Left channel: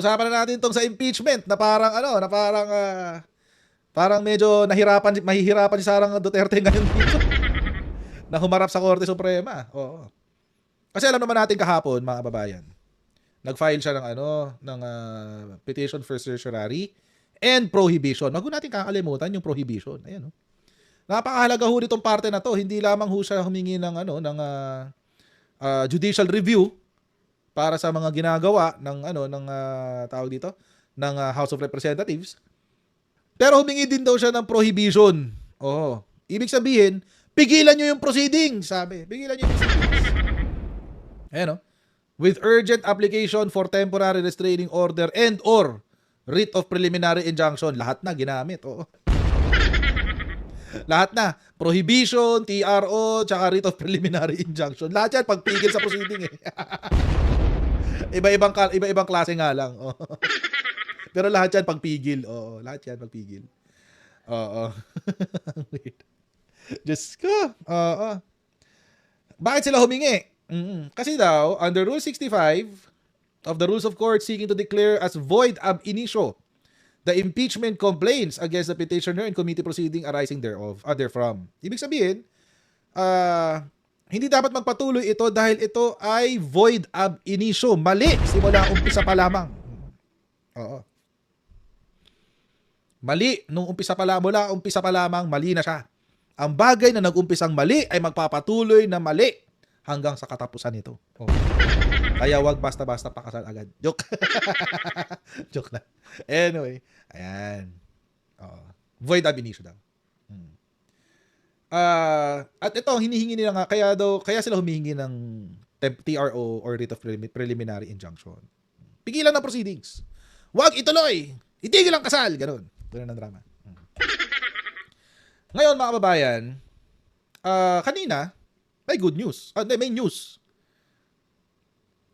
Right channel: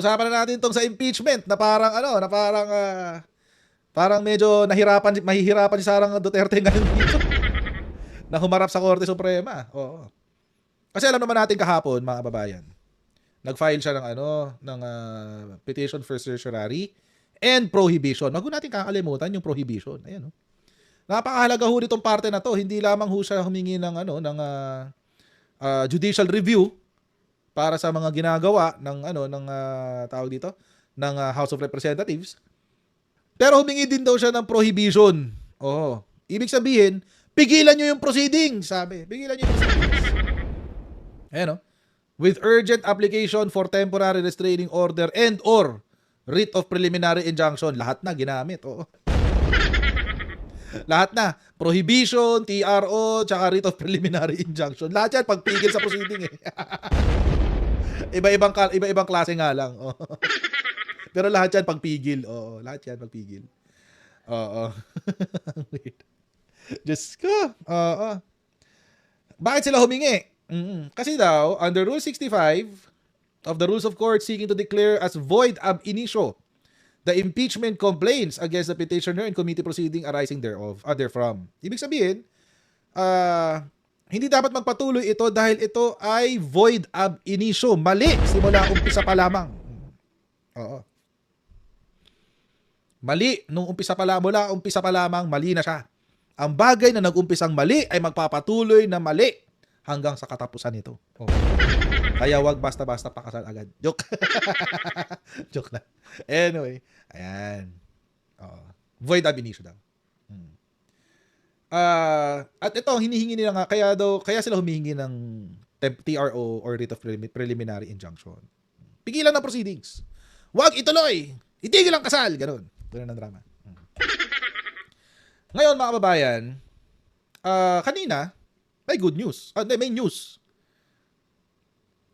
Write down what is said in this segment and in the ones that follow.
Usapan na natin tong sa impeachment na parang parang medyo mahihirapan si Sara Duterte ngayon dito na humarap sa Korte Suprema. Oo. Kasi alam naman natin kahapon, mga kababayan, nag-file siya ng petition for certiorari and prohibition. Wag natin kakalimutan yung prohibition. Ayan, no? Napakahalaga ho nitong parte na to. Hindi lamang ho siya humingi ng judicial review para sa mga ginagawa ng tawag dito ng House of Representatives. Pero humingi din daw siya ng prohibition. Oo. Ibig sabihin, pigilan nyo yung proceedings, sabi. Pigilan nyo yung proceedings. Ayan, no? With urgent application for temporary restraining order and or writ of preliminary injunction. Lahat na ginamit. Oo. Lahat na. Prohibition, TRO, tsaka writ of preliminary injunction. Lahat yan pagpigil sa proceeding eh. Iba-ibang klase nga lang. Oh. Pero lahat yan pagpigil. Oo, lahat yan pagpigil. Oo. Diyos ko. Oo. Bakit sila humingi? Kasi daw, under Rule 65 of the Rules of Court seeking to declare as void ab initio the impeachment complaints against the petitioner and committee proceeding arising therefrom. Ibig sabihin, hindi dapat magpatuloy ito dahil ito ay void ab initio. Mali simula umpisa pa lamang. Oo. Mali nung umpisa pa lamang, mali na siya. Ang bagay na nag-umpisang mali ay magpapatuloy na mali hanggang sa katapusan nito. Oh. Kaya wag basta-basta pakasal agad. Joke. Joke na. Anyway, ayan. Void ab initio daw. At ito, hinihingi nila nga, kaya sila humihingi ng TRO or writ of preliminary injunction. Pigilan ng proceedings. Wag ituloy. Itigil ang kasal. Ganun ang drama. Ngayon, mga kababayan, kanina, may good news. May news.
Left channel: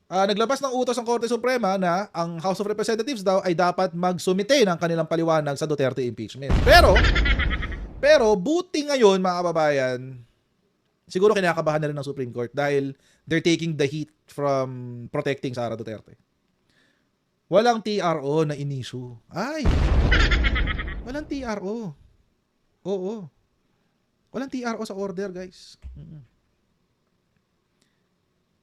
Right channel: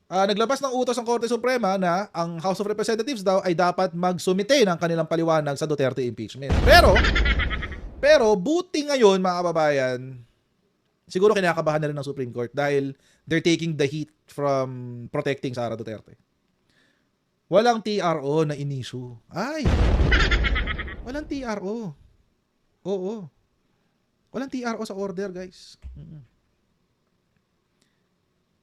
Naglabas ng utos ang Korte Suprema na ang House of Representatives daw ay dapat magsumite ng kanilang paliwanag sa Duterte impeachment. Pero buti ngayon, mga kababayan, siguro kinakabahan na rin ng Supreme Court dahil they're taking the heat from protecting Sara Duterte. Walang TRO na in-issue. Ay! Walang TRO. Oo. Walang TRO sa order, guys.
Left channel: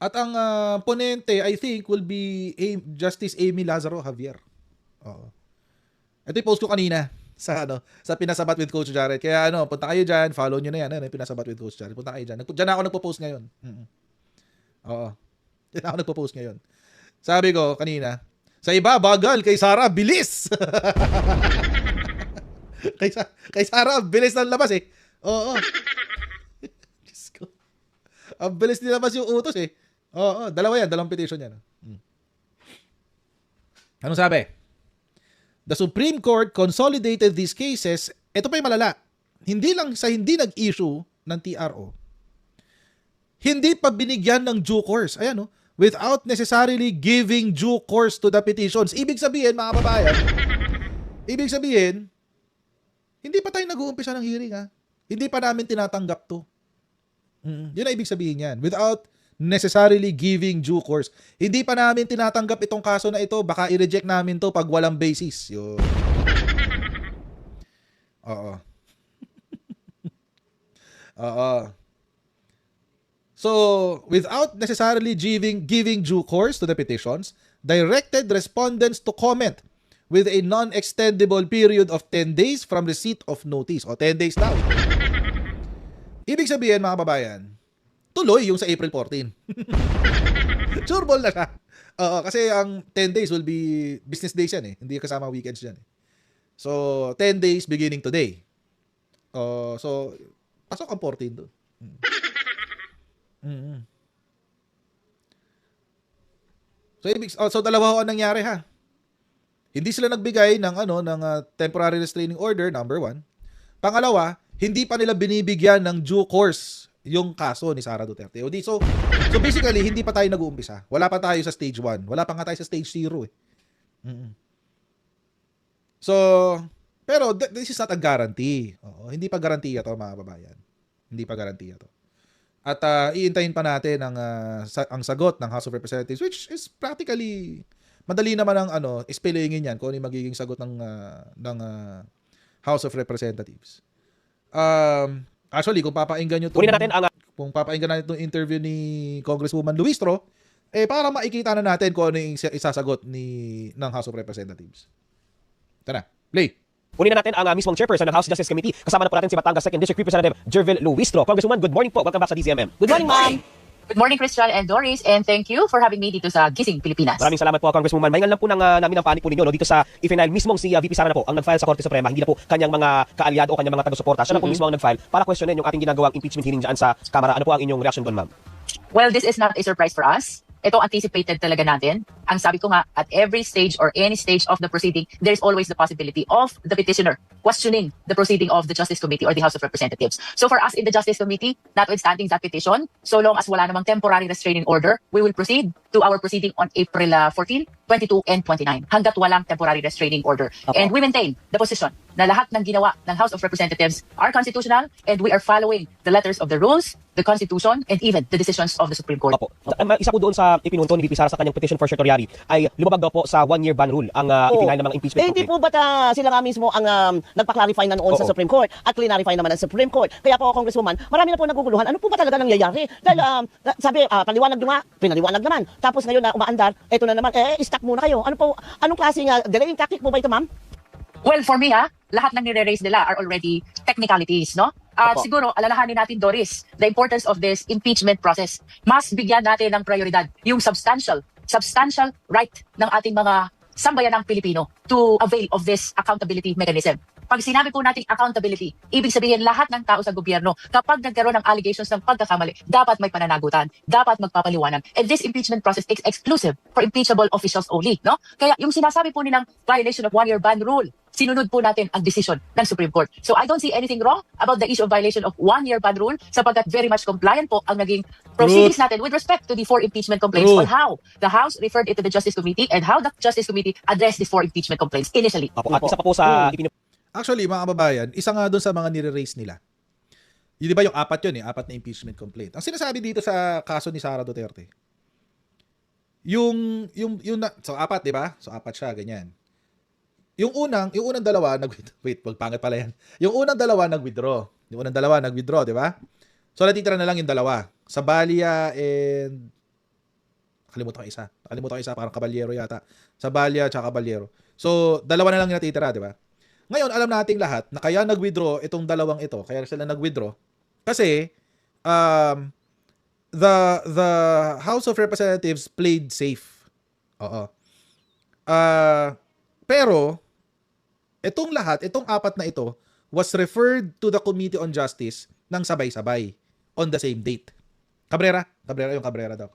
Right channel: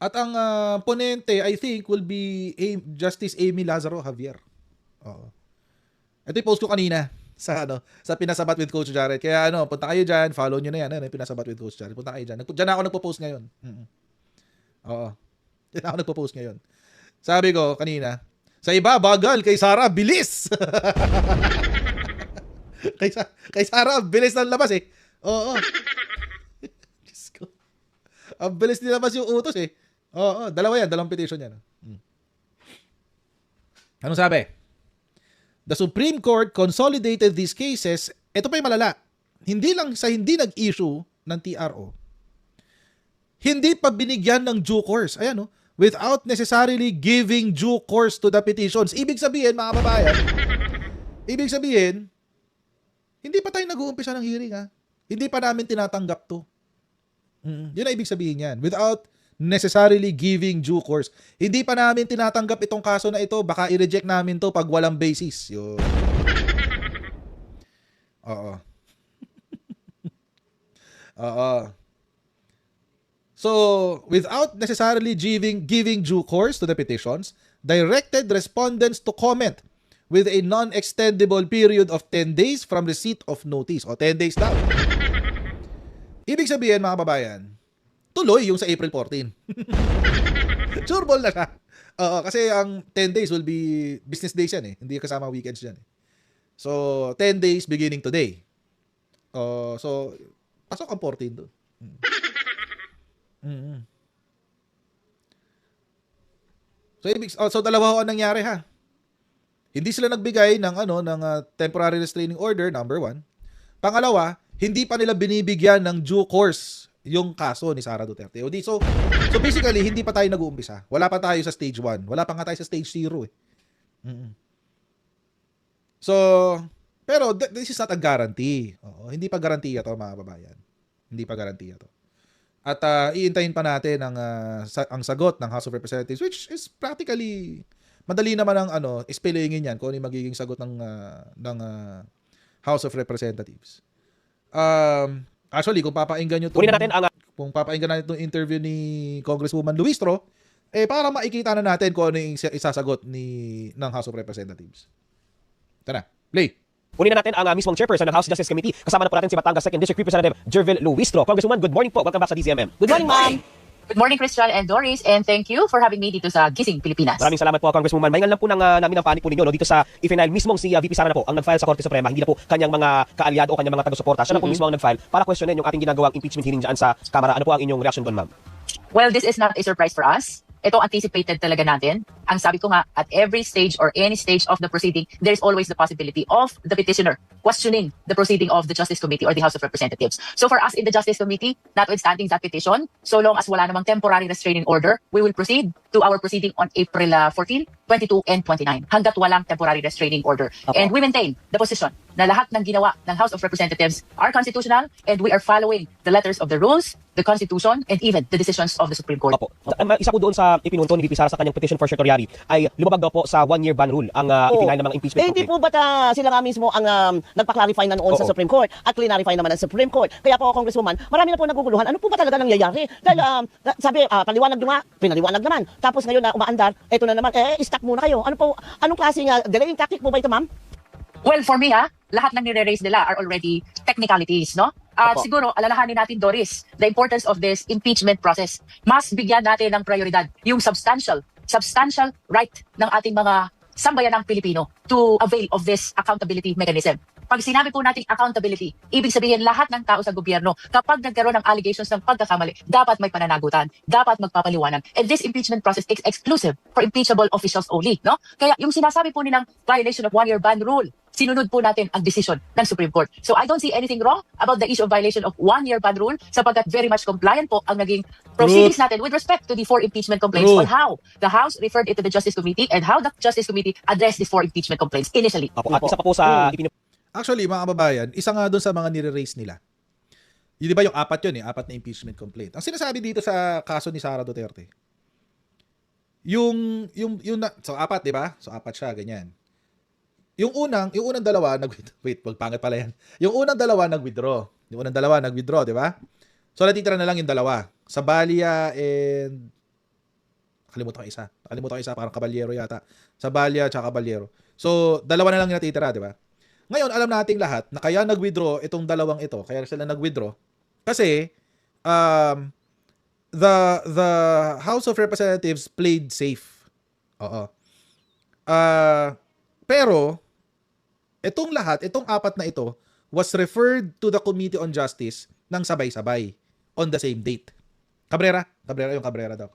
At ang ponente, I think, will be Justice Amy Lazaro Javier. Oo. Ito yung post ko kanina sa Pinasabat with Coach Jared. Kaya punta kayo dyan, follow nyo na yan, Pinasabat with Coach Jared. Punta kayo dyan. Dyan ako nagpo-post ngayon. Oo. Dyan ako nagpo-post ngayon. Sabi ko kanina, sa iba, bagal. Kay Sara, bilis. kay Sara, bilis ng labas eh. Oo. Diyos ko. Ang bilis nilabas yung utos eh. Oo, dalawang petition yan. Anong sabi? The Supreme Court consolidated these cases. Ito pa yung malala. Hindi nag-issue ng TRO. Hindi pa binigyan ng due course. Ayan, without necessarily giving due course to the petitions. Ibig sabihin, mga kababayan, hindi pa tayo nag-uumpisa ng hearing, ha? Hindi pa namin tinatanggap to. Yun ang ibig sabihin yan. Without necessarily giving due course. Hindi pa namin tinatanggap itong kaso na ito. Baka i-reject namin to pag walang basis. Yun. Oo. Oo. So, without necessarily giving due course to the petitions, directed respondents to comment with a non-extendable period of 10 days from receipt of notice. O, 10 days daw. Ibig sabihin, mga kababayan, tuloy yung sa April 14. Sure ball na siya. Kasi ang 10 days will be business days yan eh. Hindi kasama weekends yan eh. So, 10 days beginning today. So, pasok ang 14 doon. So dalawa ang nangyari ha. Hindi sila nagbigay ng temporary restraining order, number 1. Pangalawa, hindi pa nila binibigyan ng due course yung kaso ni Sara Duterte. So basically, hindi pa tayo nag-uumpisa. Wala pa tayo sa stage 1. Wala pa nga tayo sa stage 0 eh. So, pero this is not a guarantee. Hindi pa garantiya to, mga babayan. Hindi pa garantiya to. At iintayin pa natin ang sagot ng House of Representatives, which is practically madali naman ang spellingin yan kung ano yung magiging sagot ng House of Representatives. Actually, kung papakinggan nyo kung papakinggan natin itong interview ni Congresswoman Luistro, para makikita na natin kung ano yung isasagot ng House of Representatives. Tara, play. Kunin na natin ang mismong chairperson ng House Justice Committee. Kasama na po natin si Batangas 2nd District Representative Jervil Luistro. Congresswoman, good morning po. Welcome back sa DZMM. Good morning, ma'am. Good morning, Christian and Doris, and thank you for having me dito sa Gising, Pilipinas. Maraming salamat po, Congresswoman. Mahingan lang po namin ang panig po ninyo dito sa i-final mismong si VP Sara na po ang nag-file sa Korte Suprema. Hindi na po kanyang mga kaalyado o kanyang mga taga-suporta. Siya na po mismo ang nag-file para questionin yung ating ginagawang impeachment hearing dyan sa Kamara. Ano po ang inyong reaction doon, ma'am? Well, this is not a surprise for us. Ito anticipated talaga natin. Ang sabi ko nga, at every stage or any stage of the proceeding, there's always the possibility of the petitioner questioning the proceeding of the Justice Committee or the House of Representatives. So for us in the Justice Committee, notwithstanding that petition, so long as wala namang temporary restraining order, we will proceed to our proceeding on April 14, 22, and 29, hanggat walang temporary restraining order. And we maintain the position na lahat ng ginawa ng House of Representatives are constitutional and we are following the letters of the rules, the Constitution, and even the decisions of the Supreme Court. Opo. Isa po doon sa ipinunto ni VP Sara sa kanyang petition for certiorari ay lumabag daw po sa 1-year ban rule ang ipinail ng mga impeachment. Hindi po ba't sila nga mismo ang nagpa-clarify na noon sa Supreme Court at clarify naman ng Supreme Court. Kaya po, Congresswoman, marami na po naguguluhan. Ano po ba talaga nangyayari? Dahil sabi, paliwanag nyo nga, pinaliwanag naman. Tapos ngayon na umaandar, eto na naman, stop muna kayo. Ano po, anong klaseng delaying tactic po ba ito, ma'am? Well, for me, lahat ng nire-raise nila are already technicalities, no? At siguro, alalahanin natin, Doris, the importance of this impeachment process. Mas bigyan natin ng prioridad yung substantial right ng ating mga sambayanang Pilipino to avail of this accountability mechanism. Pag sinabi po natin accountability, ibig sabihin lahat ng tao sa gobyerno, kapag nagkaroon ng allegations ng pagkakamali, dapat may pananagutan, dapat magpapaliwanag. And this impeachment process is exclusive for impeachable officials only, no? Kaya yung sinasabi po nilang violation of 1-year ban rule, sinunod po natin ang decision ng Supreme Court. So I don't see anything wrong about the issue of violation of 1-year ban rule sapagkat very much compliant po ang naging proceedings natin with respect to the 4 impeachment complaints. So how the House referred it to the Justice Committee and how the Justice Committee addressed these 4 impeachment complaints initially. At isa pa po sa Actually, mga kababayan, isa nga doon sa mga nire-raise nila. Yun, di ba yung apat yun, 4 na impeachment complaint. Ang sinasabi dito sa kaso ni Sara Duterte, so 4, di ba? So 4 siya, ganyan. Yung unang dalawa, wait, pangit pala yan. Yung unang dalawa, nag-withdraw, di ba? So natitira na lang yung dalawa. Sabalia and Nakalimutan ko isa, parang Caballero yata. Sabalia tsaka Caballero. So, dalawa na lang yung natitira, di ba? Ngayon, alam nating lahat na kaya nag-withdraw itong dalawang ito. Kaya sila nag-withdraw. Kasi, the House of Representatives played safe. Oo. Pero, itong 4 na ito, was referred to the Committee on Justice ng sabay-sabay on the same date. Cabrera daw.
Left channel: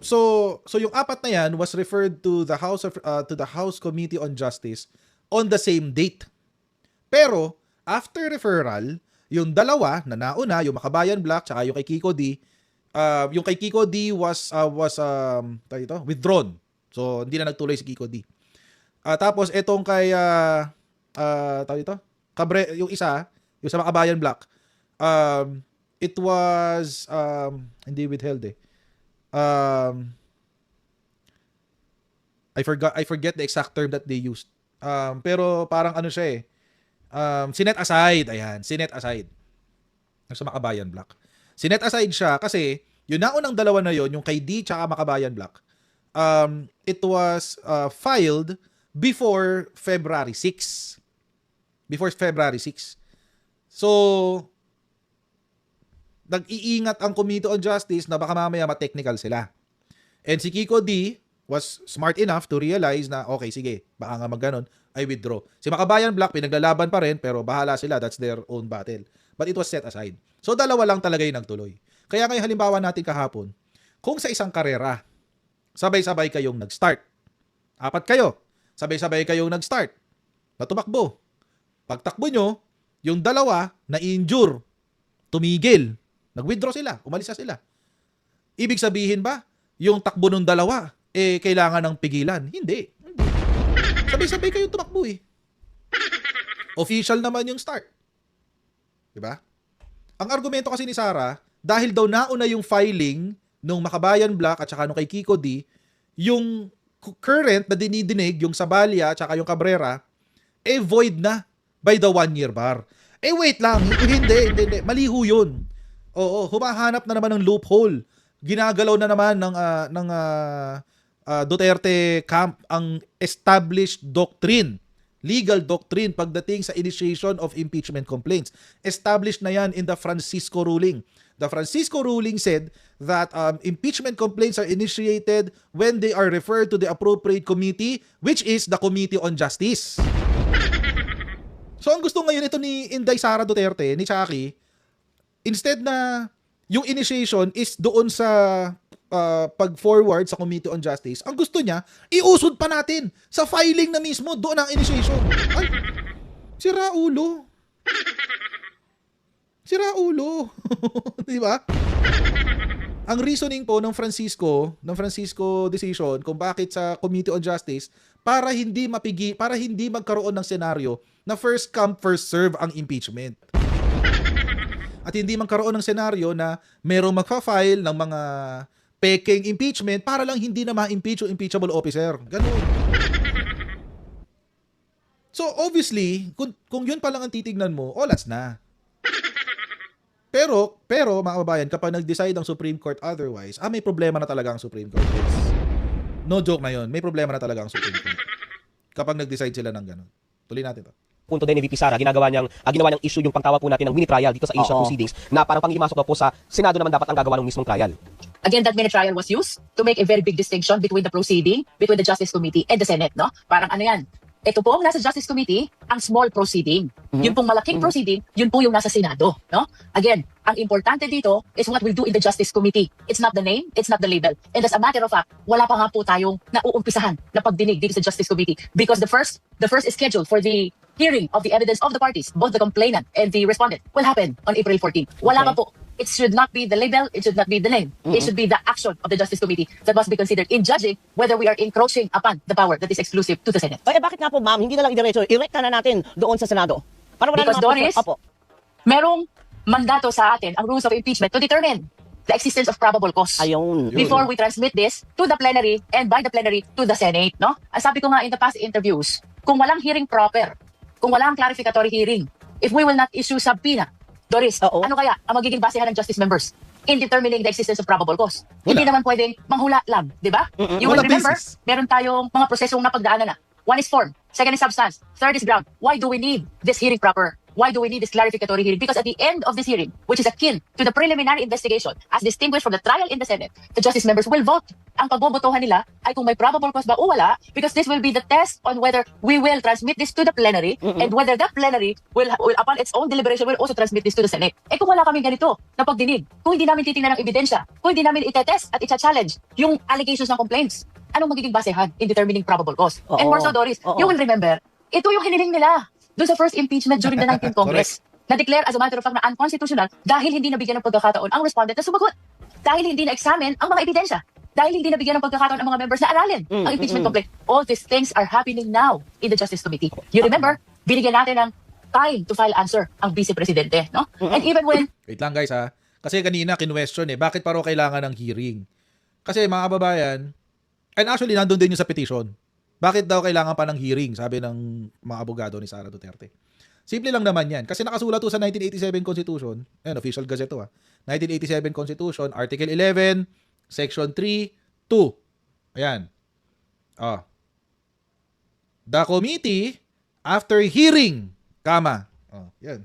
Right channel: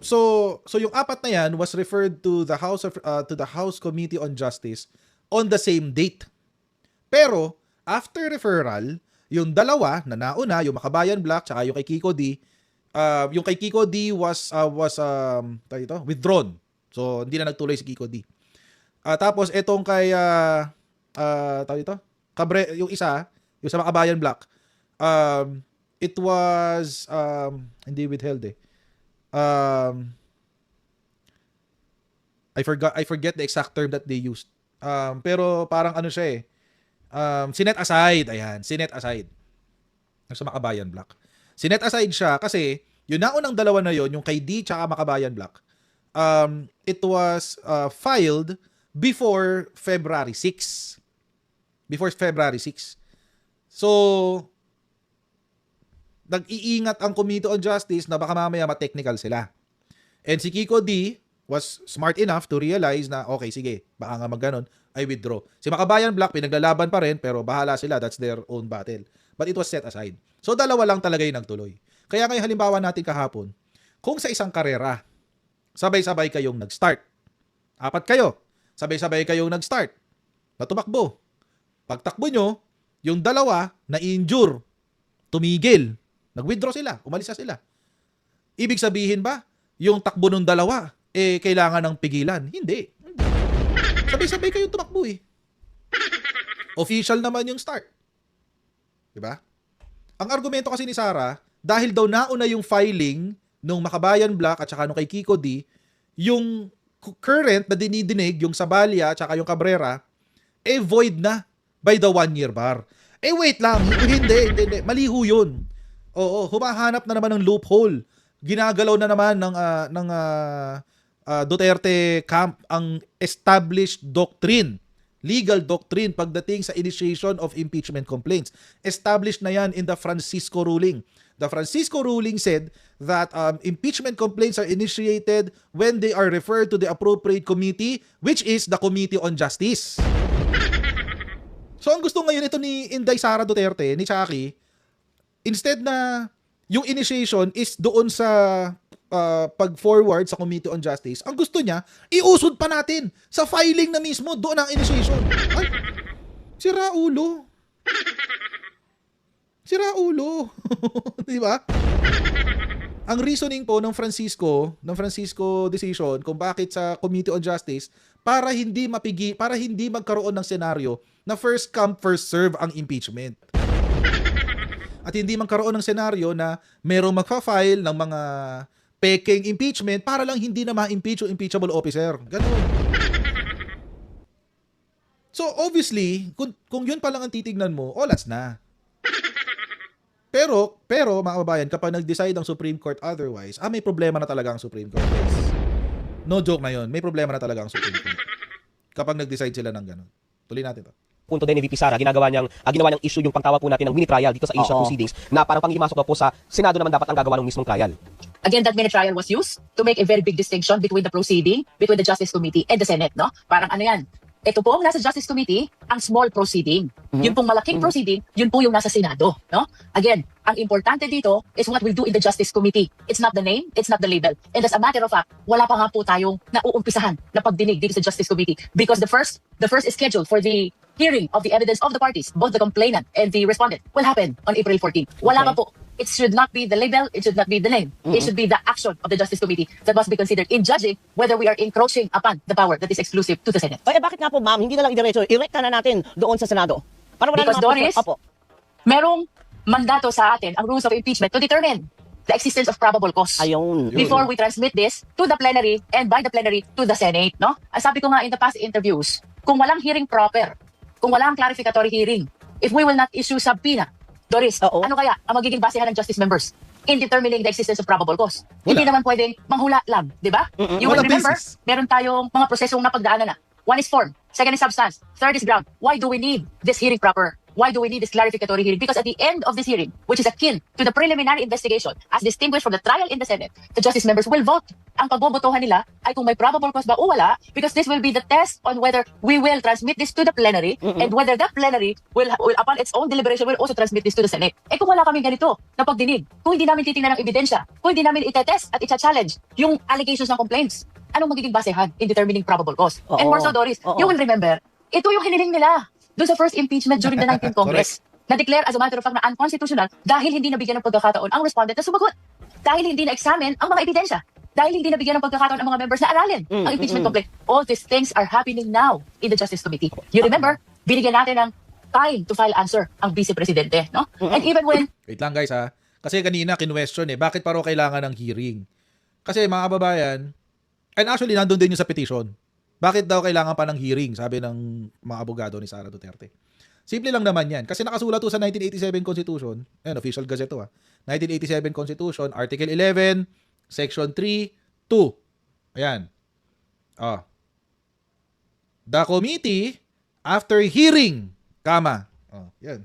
So yung 4 na yan was referred to the House Committee on Justice on the same date. Pero after referral, yung dalawa na nauna, yung Makabayan Black tsaka yung kay Kiko D, yung kay Kiko D was withdrawn. So hindi na nagtuloy si Kiko D. Tapos etong kay yung isa, yung sa Makabayan Black, it was hindi withheld eh. I forget the exact term that they used. Pero parang ano siya eh. Sinet aside. Ayan, sinet aside. Sa Makabayan Black. Sinet aside siya kasi yung naunang dalawa na yon, yung kay D tsaka Makabayan Black, it was filed before February 6. So, nag-iingat ang Committee on Justice na baka mamaya ma-technical sila. And si Kiko D was smart enough to realize na okay, sige, baka nga magganon, I withdraw. Si Makabayan Black, pinaglalaban pa rin, pero bahala sila, that's their own battle. But it was set aside. So, dalawa lang talaga yung nagtuloy. Kaya ngayon halimbawa natin kahapon, kung sa isang karera, sabay-sabay kayong nag-start. 4 kayo, sabay-sabay kayong nag-start. Natumakbo. Pagtakbo nyo, yung dalawa na-injure, tumigil, nag-withdraw sila, umalis na sila. Ibig sabihin ba, yung takbo ng dalawa, kailangan ng pigilan? Hindi. Sabay-sabay kayong tumakbo eh. Official naman yung start. Diba? Ang argumento kasi ni Sara, dahil daw nauna yung filing nung Makabayan Black at saka nung kay Kiko D, yung current na dinidinig, yung Sabalia at saka yung Cabrera, void na by the 1-year bar. Wait lang, hindi. Mali ho yun. Oo, humahanap na naman ng loophole. Ginagalaw na naman ng Duterte camp ang established doctrine, legal doctrine pagdating sa initiation of impeachment complaints. Established na yan in the Francisco ruling. The Francisco ruling said that impeachment complaints are initiated when they are referred to the appropriate committee, which is the Committee on Justice. So ang gusto ngayon ito ni Inday Sara Duterte, ni Chaki, instead na yung initiation is doon sa pag-forward sa Committee on Justice, ang gusto niya, iusod pa natin sa filing na mismo, doon ang initiation. Ay, sira ulo. Sira ulo. Di ba? Ang reasoning po ng Francisco decision kung bakit sa Committee on Justice para hindi magkaroon ng senaryo na first come first serve ang impeachment. At hindi magkaroon ng senaryo na merong magfa-file ng mga peking impeachment para lang hindi na ma-impeach o impeachable officer. Ganun. So obviously, kung yun pa lang ang titignan mo, olas na. Pero mga kababayan, kapag nag-decide ang Supreme Court otherwise, may problema na talaga ang Supreme Court, guys. No joke na yun. May problema na talaga ang Supreme Court. Kapag nag-decide sila ng ganun. Tuloy natin to. Punto din ni VP Sara, ginawa niyang issue yung pagtawag po natin ng mini trial dito sa Asian proceedings na parang panglimasok po sa Senado naman dapat ang gagawa ng mismong trial. Again, that mini trial was used to make a very big distinction between the proceeding, between the Justice Committee and the Senate, no? Parang ano yan? Ito po ang nasa Justice Committee, ang small proceeding. Yun pong malaking proceeding, yun po yung nasa Senado, no? Again, ang importante dito is what we do in the Justice Committee. It's not the name, it's not the label. And as a matter of fact, wala pa nga po tayong nauumpisahan na pagdinig dito sa Justice Committee because the first is scheduled for the hearing of the evidence of the parties, both the complainant and the respondent, will happen on April 14. Wala pa po. It should not be the label, it should not be the name. It should be the action of the Justice Committee that must be considered in judging whether we are encroaching upon the power that is exclusive to the Senate. Kaya bakit nga po, ma'am, hindi na lang diretso, irekta na natin doon sa Senado. Ano ba Because yung- Doris, Opo. merong mandato sa atin ang rules of impeachment to determine the existence of probable cause. Ayun. Yun. Before we transmit this to the plenary and by the plenary to the Senate, no? Ay sabi ko nga in the past interviews, kung walang hearing proper, kung walang clarificatory hearing, if we will not issue subpoena, Doris, ano kaya ang magiging basehan ng justice members in determining the existence of probable cause? Wala. Hindi naman pwedeng manghula lang, di ba? You Walang remember, basis. Meron tayong mga prosesong napagdaanan na. One is form, second is substance, third is ground. Why do we need this hearing proper? Why do we need this clarificatory hearing? Because at the end of this hearing, which is akin to the preliminary investigation, as distinguished from the trial in the Senate, the justice members will vote. Ang pagbobotohan nila ay kung may probable cause ba o wala, because this will be the test on whether we will transmit this to the plenary and whether the plenary will upon its own deliberation will also transmit this to the Senate. Kung wala kaming ganito na pagdinig, kung hindi namin titingnan ng ebidensya, kung hindi namin itetest at i-challenge yung allegations ng complaints, anong magiging basehan in determining probable cause? Oo. And more so, Doris, Oo. you will remember, ito yung hiniling nila doon sa first impeachment during the 19th Congress. Na-declare as a matter of fact na unconstitutional dahil hindi nabigyan ng pagkakataon ang respondent na sumagot. Dahil hindi na-examine ang mga ebidensya. Dahil hindi nabigyan ng pagkakataon ang mga members na aralin ang impeachment complaint. All these things are happening now in the Justice Committee. You remember, binigyan natin ng time to file answer ang Vice Presidente, no? And even when Wait lang guys ha. Kasi kanina kinwestiyon bakit paro kailangan ng hearing? Kasi mga kababayan, and actually nandun din yung sa petition. Bakit daw kailangan pa ng hearing, sabi ng mga abogado ni Sara Duterte. Simple lang naman yan. Kasi nakasulat to sa 1987 Constitution, official gazette to 1987 Constitution, Article 11, Section 3, 2. Ayan. The committee, after hearing, yan.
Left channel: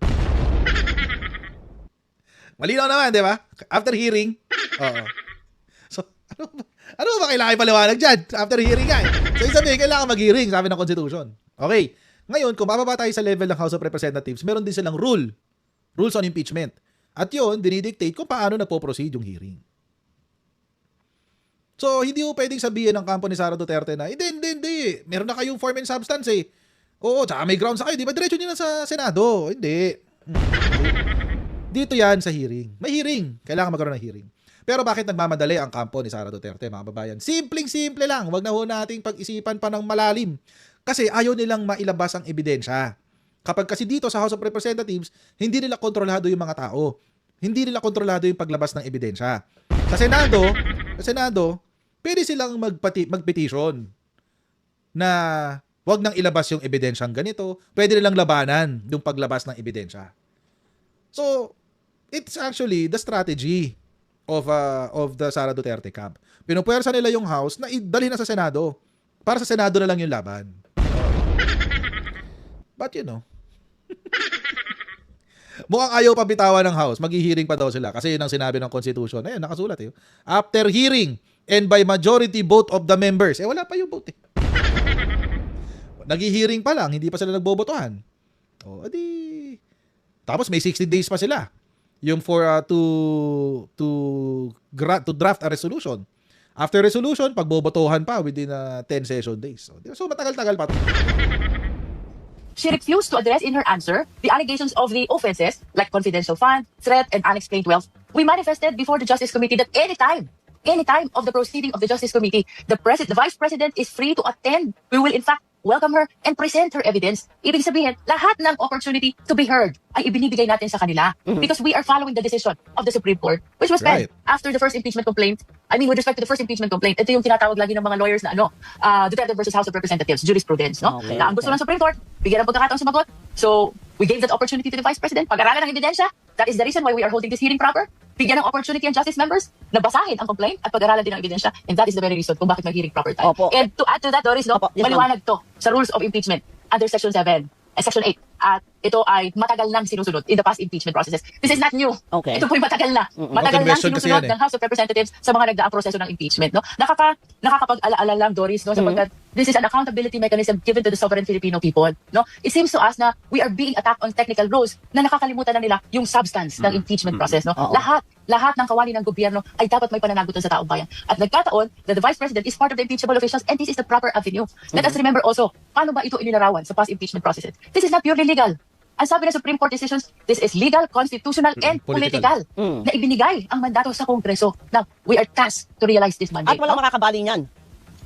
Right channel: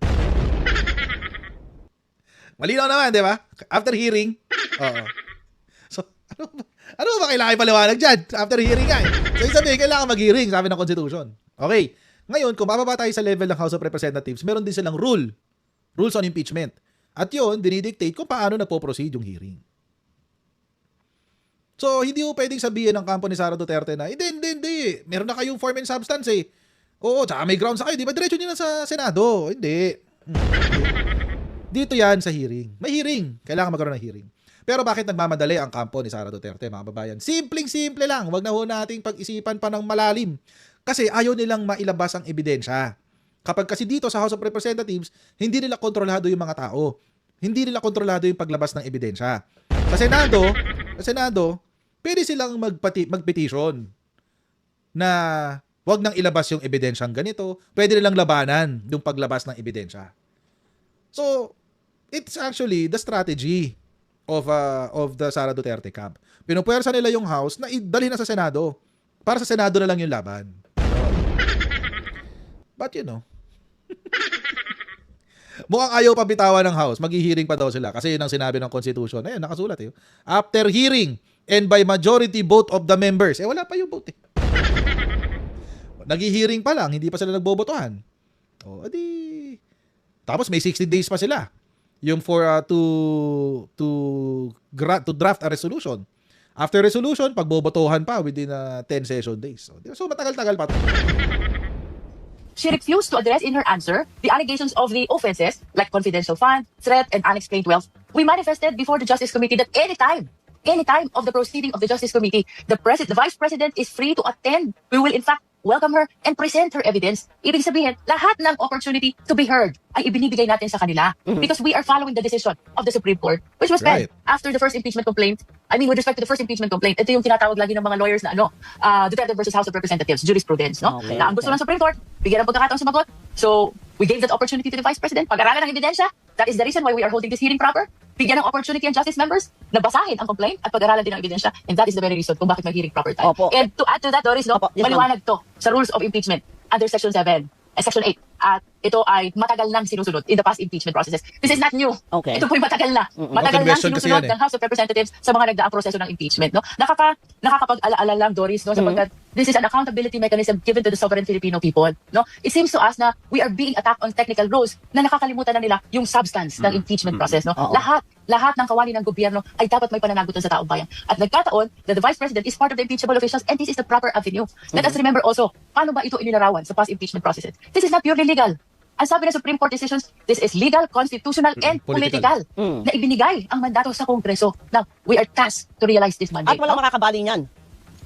Malinaw naman, di ba? After hearing, So, ano ba kailangan ipaliwanag dyan? After hearing nga So, sabihin, kailangan mag-hearing, sabi ng Constitution. Okay. Ngayon, kung mababa tayo sa level ng House of Representatives, meron din silang rules on impeachment. At yun, dinidictate kung paano nagpo-proceed yung hearing. So, hindi mo pwedeng sabihin ng kampo ni Sara Duterte na, hindi. Meron na kayong form and substance Oo, tsaka may grounds kayo. Di ba diretso nyo na sa Senado? Hindi. Dito yan sa hearing. May hearing. Kailangan magkaroon ng hearing. Pero bakit nagmamadali ang kampo ni Sara Duterte, mga babayan? Simpleng-simple lang. Huwag na ho nating pag-isipan pa ng malalim. Kasi ayaw nilang mailabas ang ebidensya. Kapag kasi dito sa House of Representatives, hindi nila kontrolado yung mga tao. Hindi nila kontrolado yung paglabas ng ebidensya. Sa Senado, Sa Senado, pwede silang mag-petition na wag nang ilabas yung ebidensyang ganito. Pwede nilang labanan yung paglabas ng ebidensya. So, it's actually the strategy of the Sara Duterte camp. Pinupuwersa nila yung House na idalhin na sa Senado. Para sa Senado na lang yung laban. But mukhang ayaw pa bitawan ng House. Maghihiring pa daw sila kasi yun ang sinabi ng Constitution. Ayun, nakasulat eh. After hearing and by majority vote of the members. Wala pa yung vote eh. Naghihiring pa lang, hindi pa sila nagbobotohan. Tapos may 60 days pa sila. Yung for to draft a resolution. After resolution, pagbobotohan pa within 10 session days. So matagal-tagal pa to. She refused to address in her answer the allegations of the offenses like confidential fund, threat, and unexplained wealth. We manifested before the Justice Committee that any time of the proceeding of the Justice Committee, the Vice President is free to attend. We will in fact welcome her and present her evidence. Ibig sabihin, lahat ng opportunity to be heard ay ibinibigay natin sa kanila because we are following the decision of the Supreme Court, which was Right. then after the first impeachment complaint. I mean, with respect to the first impeachment complaint, ito yung tinatawag lagi ng mga lawyers na Duterte versus House of Representatives, jurisprudence, no? Okay. Na ang gusto ng Supreme Court, bigyan ng pagkakataon sumagot. So, we gave that opportunity to the Vice President, pag-aralan ng ebidensya. That is the reason why we are holding this hearing proper. Bigyan ng opportunity ang justice members na basahin ang complaint at pag-aralan din ang ebidensya. And that is the very reason kung bakit may hearing proper tayo. Opo. And to add to that, Doris, Opo, yes, ma'am. maliwanag to sa rules of impeachment under Section 7. Section 8. At ito ay matagal nang sinusunod in the past impeachment processes. This is not new. Okay. Ito po'y matagal na. Matagal Not na question kasi yan sinusunod ng House of Representatives sa mga nagdaang proseso ng impeachment. No? Nakakapag-alaala lang, Doris, no? Sapagkat this is an accountability mechanism given to the sovereign Filipino people. No? It seems to us na we are being attacked on technical rules na nakakalimutan na nila yung substance ng impeachment process. No? Oo. Lahat ng kawani ng gobyerno ay dapat may pananagutan sa taong bayan. At nagkataon that the Vice President is part of the impeachable officials and this is the proper avenue. Let us remember also, paano ba ito inilarawan sa past impeachment processes? This is not purely legal. Ang sabi ng Supreme Court decisions, this is legal, constitutional, and Political. political. Na ibinigay ang mandato sa Kongreso. Now, we are tasked to realize this At mandate. walang No? makakabali niyan.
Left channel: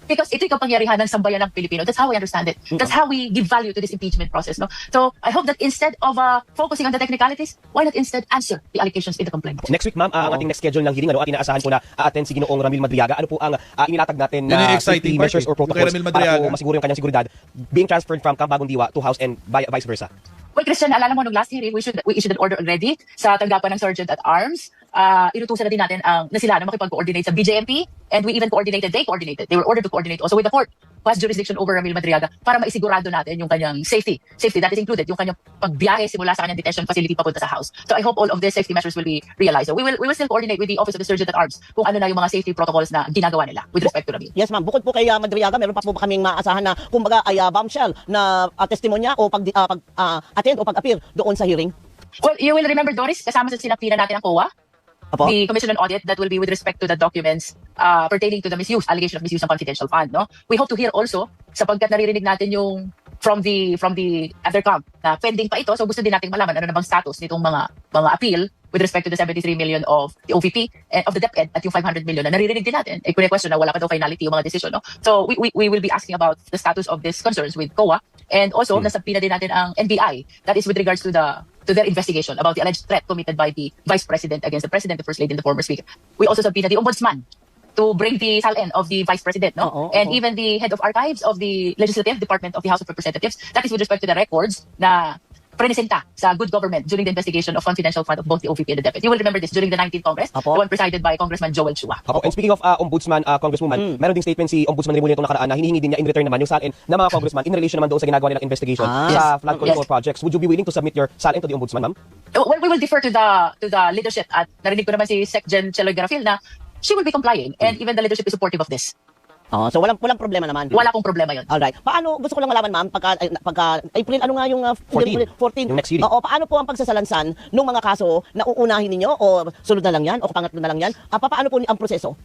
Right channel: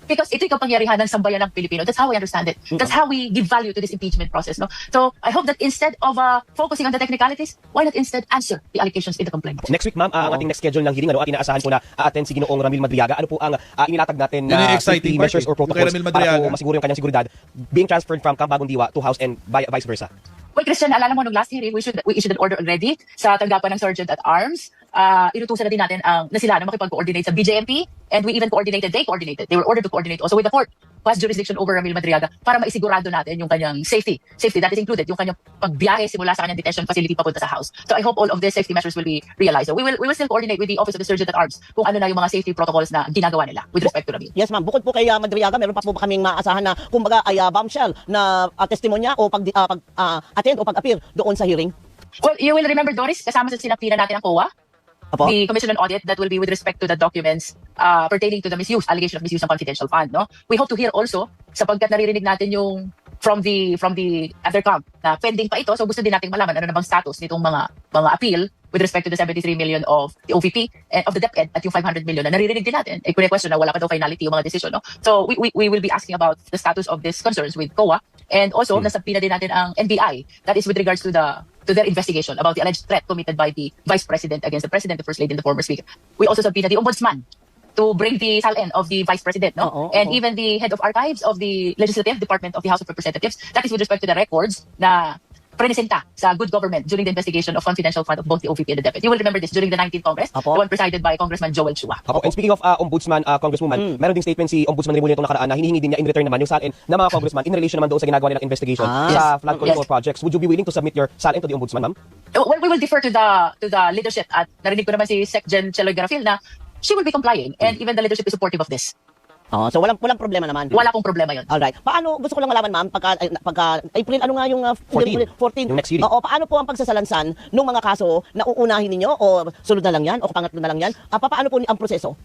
Because ito yung kapangyarihan ng sambayan ng Pilipino. That's how we understand it. That's how we give value to this impeachment process. No? So, I hope that instead of focusing on the technicalities, why not instead answer the allegations in the complaint? Next week, ma'am, ang ating next schedule ng hearing, at inaasahan po na attend si Ginoong Ramil Madriaga. Ano po ang inilatag natin Yun yung na exciting safety part, measures eh. or Yung kay protocols Ramil para Madriaga. po masiguro yung kanyang seguridad being transferred from Camp Bagong Diwa to House and vice versa? Well, Christian, alala mo nung last hearing, we issued an order already sa tanggapan ng Sergeant at Arms. Inutusan na din natin na sila na makipag-coordinate sa BJMP, and we even coordinated, they were ordered to coordinate also with the court, past jurisdiction over Ramil Madriaga, para maisigurado natin yung kanyang safety. Safety, that is included, yung kanyang pagbiyahe simula sa kanyang detention facility papunta sa house. So I hope all of these safety measures will be realized. So we will still coordinate with the Office of the Sergeant at Arms kung ano na yung mga safety protocols na ginagawa nila with respect to Ramil. Yes, ma'am. Bukod po kay Madriaga, meron pa po ba kaming maasahan na kumbaga ay bombshell na testimonya o attend o pag-appear doon sa hearing? Well, you will remember, Doris, kasama sa sinampina natin ang COA. The Commission on Audit, that will be with respect to the documents pertaining to the allegation of misuse ng confidential fund. No? We hope to hear also, sapagkat naririnig natin yung from the other camp na pending pa ito, so gusto din natin malaman ano na bang status nitong mga appeal with respect to the 73 million of the OVP and of the DepEd at yung 500 million na naririnig din natin. Eh, kung question na wala pa daw finality yung mga decision. No? So we will be asking about the status of these concerns with COA, and also nasabina din natin ang NBI, that is with regards to their investigation about the alleged threat committed by the Vice President against the President, the First Lady, and the former Speaker. We also subpoena the Ombudsman to bring the SALN of the Vice President, no? And even the head of archives of the Legislative Department of the House of Representatives. That is with respect to the records na prenisenta sa good government during the investigation of confidential fund of both the OVP and the DepEd. You will remember this during the 19th Congress, the one presided by Congressman Joel Chua. And speaking of Ombudsman, Congresswoman, meron ding statement si Ombudsman Rimulya itong nakaraan na hinihingi din niya in return naman yung SALN ng mga congressman in relation naman doon sa ginagawa nilang investigation sa flood control projects. Would you be willing to submit your SALN to the Ombudsman, ma'am? Well, we will defer to the leadership, at narinig ko naman si Sec. Gen. Celoy Garafil na she will be complying, and even the leadership is supportive of this. So walang problema naman. Wala pong problema yun. Alright. Paano, gusto ko lang malaman, ma'am, pagka April, ano nga yung 14? Yung next hearing. Oo, paano po ang pagsasalansan ng mga kaso na uunahin ninyo o sunod na lang yan o pangatlo na lang yan? Paano po ang proseso?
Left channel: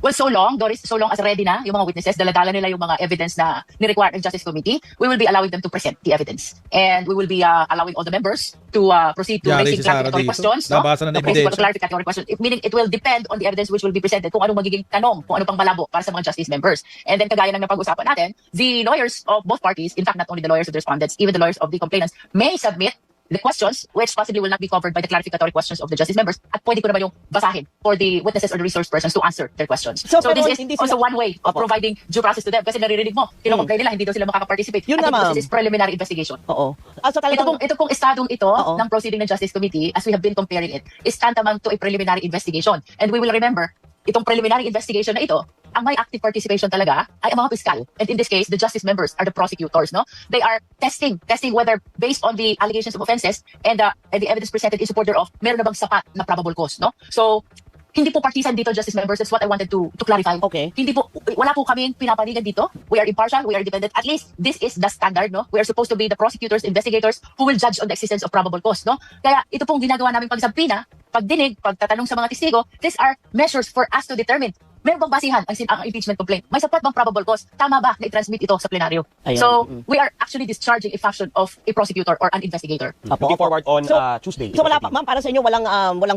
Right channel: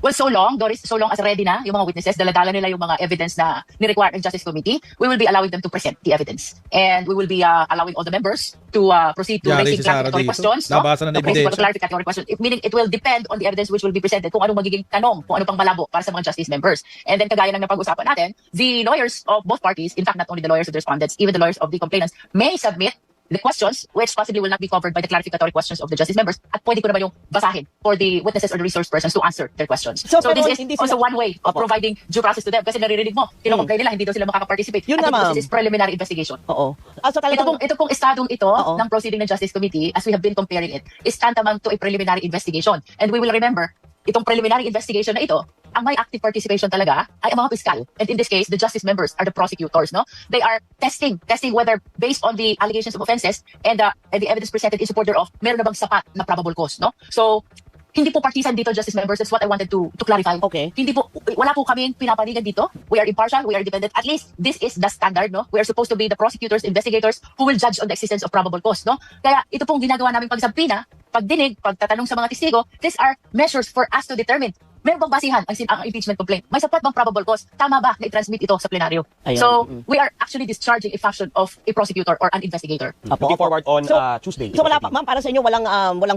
Well, so long, Doris, so long as ready na yung mga witnesses, daladala nila yung mga evidence na ni-require ng Justice Committee, we will be allowing them to present the evidence. And we will be allowing all the members to proceed to Yari raise si Sara clarificatory dito. questions. Labasan na ng To raise ebidensya. clarificatory questions. Meaning it will depend on the evidence which will be presented, kung anong magiging tanong, kung ano pang malabo para sa mga justice members. And then kagaya ng napag-usapan natin, the lawyers of both parties, in fact not only the lawyers of the respondents, even the lawyers of the complainants, may submit the questions, which possibly will not be covered by the clarificatory questions of the justice members, at pwede ko naman yung basahin for the witnesses or the resource persons to answer their questions. So, So pero this is hindi also sila- one way of Opo. providing due process to them. Kasi naririnig mo, kinocomplain nila, hindi daw sila makaka-participate. Yun At nga, ma'am. This is preliminary investigation. Oo. So Ito talagang, pong estadong ito Oo. ng proceeding ng Justice Committee, as we have been comparing it, is tantamount to a preliminary investigation. And we will remember, itong preliminary investigation na ito, ang may active participation talaga ay ang mga piskal. And in this case, the justice members are the prosecutors, no? They are testing whether based on the allegations of offenses and the evidence presented in support thereof, meron na bang sapat na probable cause, no? So, hindi po partisan dito, justice members. That's what I wanted to clarify. Okay. Hindi po, wala po kaming pinapanigan dito. We are impartial, we are independent. At least, this is the standard, no? We are supposed to be the prosecutors, investigators who will judge on the existence of probable cause, no? Kaya ito pong ginagawa namin pagsabina, pagdinig, pagtatanong sa mga testigo, these are measures for us to determine meron bang basihan ang impeachment complaint? May sapat bang probable cause? Tama ba na i-transmit ito sa plenaryo? Ayun. So, we are actually discharging a function of a prosecutor or an investigator. Looking forward on Tuesday. So wala pa, ma'am, para sa inyo walang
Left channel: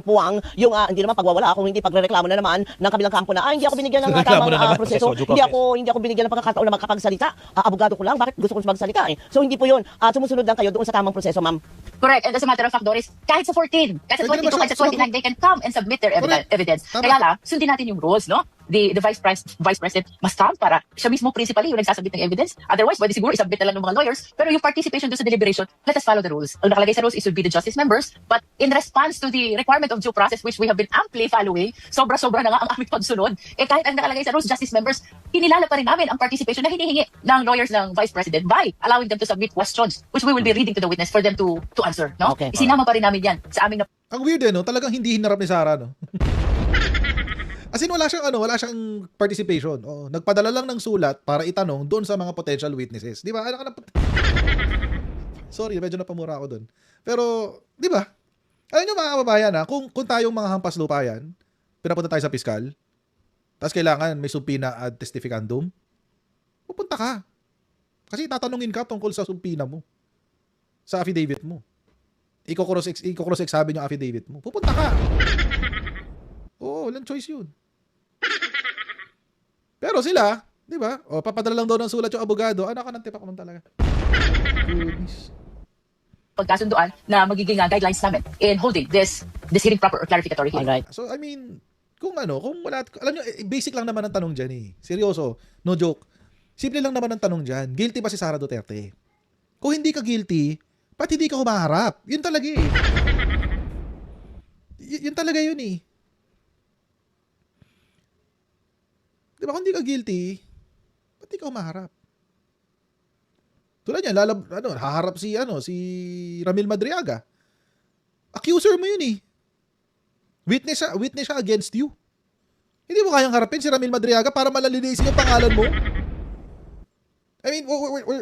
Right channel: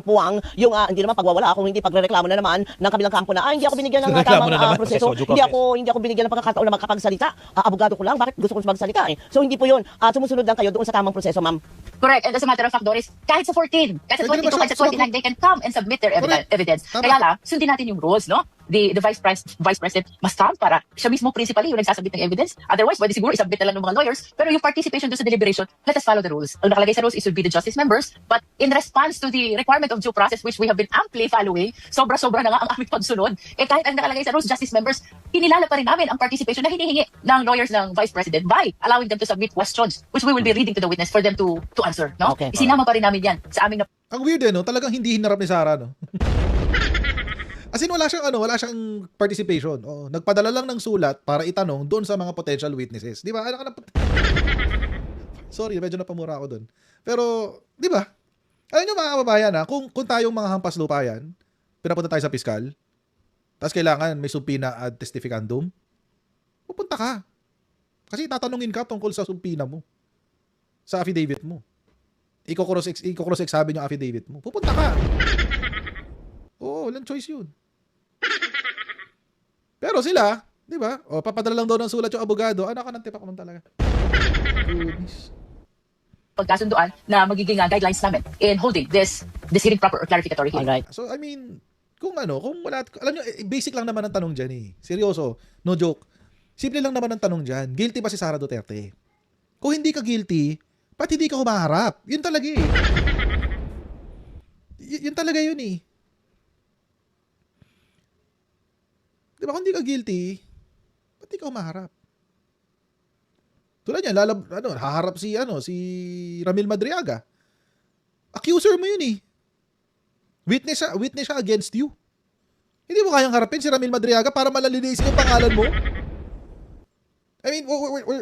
puwang yung hindi naman pagwawala kung hindi pagrereklamo na naman ng kabilang kampo na hindi ako binigyan ng Reklamo na naman. hindi ako binigyan ng pagkakataon na makapagsalita. Abogado ko lang, bakit gusto ko magsalita? So hindi po yun. Sumusunod lang kayo doon sa tamang proseso, ma'am. Correct. And as a matter of fact, Doris, kahit sa 14, kahit sa Pwede 22, naman kahit sa 29, they can come and submit their Correct. evidence. Tama. Kaya lang, sundin natin yung rules, no? The vice president must come para siya mismo principally yung nagsasubmit ng evidence. Otherwise, pwede siguro isubmit na lang ng mga lawyers. Pero yung participation doon sa deliberation, let us follow the rules. Ang nakalagay sa rules is to be the justice members. But in response to the requirement of due process, which we have been amply following, sobra-sobra na nga ang aming pagsunod. Kahit ang nakalagay sa rules, justice members, kinilala pa rin namin ang participation na hinihingi ng lawyers ng vice president by allowing them to submit questions, which we will be reading to the witness for them to answer. No? Okay. Isinama pa rin namin yan sa aming Ang weird no? Talagang hindi hinarap ni Sarah, no? As in, wala siyang participation. Oh, nagpadala lang ng sulat para itanong doon sa mga potential witnesses. Di ba? Sorry, medyo napamura ako doon. Pero, di ba? Alam nyo mga kababayan, kung tayong mga hampas lupa yan, pinapunta tayo sa piskal, tapos kailangan may subpoena ad testificandum, pupunta ka. Kasi tatanungin ka tungkol sa subpoena mo. Sa affidavit mo. Iko-cross-examine yung affidavit mo. Pupunta ka. Oo, walang choice yun. Pero sila, di ba? O, papadala lang daw ng sulat yung abogado. Ano ka ng tipak naman talaga? Goodness. pagkasunduan na magiging guidelines namin in holding this hearing proper or clarificatory hearing. Alright. So, I mean, kung wala, alam nyo, basic lang naman ang tanong dyan eh. Seryoso, no joke. Simple lang naman ang tanong dyan. Guilty ba si Sara Duterte? Kung hindi ka guilty, ba't hindi ka humaharap? Yun talaga eh. Yun talaga yun eh. Di ba kung hindi ka guilty, ba't hindi ka humaharap? Tulad yan, haharap si Ramil Madriaga. Accuser mo yun eh. Witness siya against you. Hindi mo kayang harapin si Ramil Madriaga para malalinisin yung pangalan mo. I mean,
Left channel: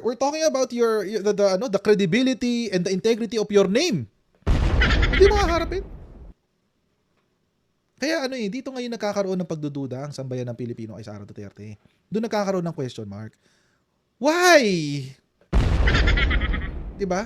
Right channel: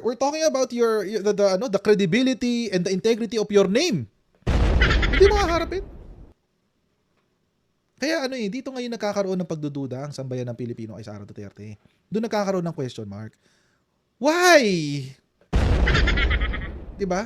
we're talking about the credibility and the integrity of your name. Hindi mo haharapin. Kaya dito ngayon nagkakaroon ng pagdududa ang sambayan ng Pilipino kay Sara Duterte. Doon nagkakaroon ng question mark. Why? 'Di ba?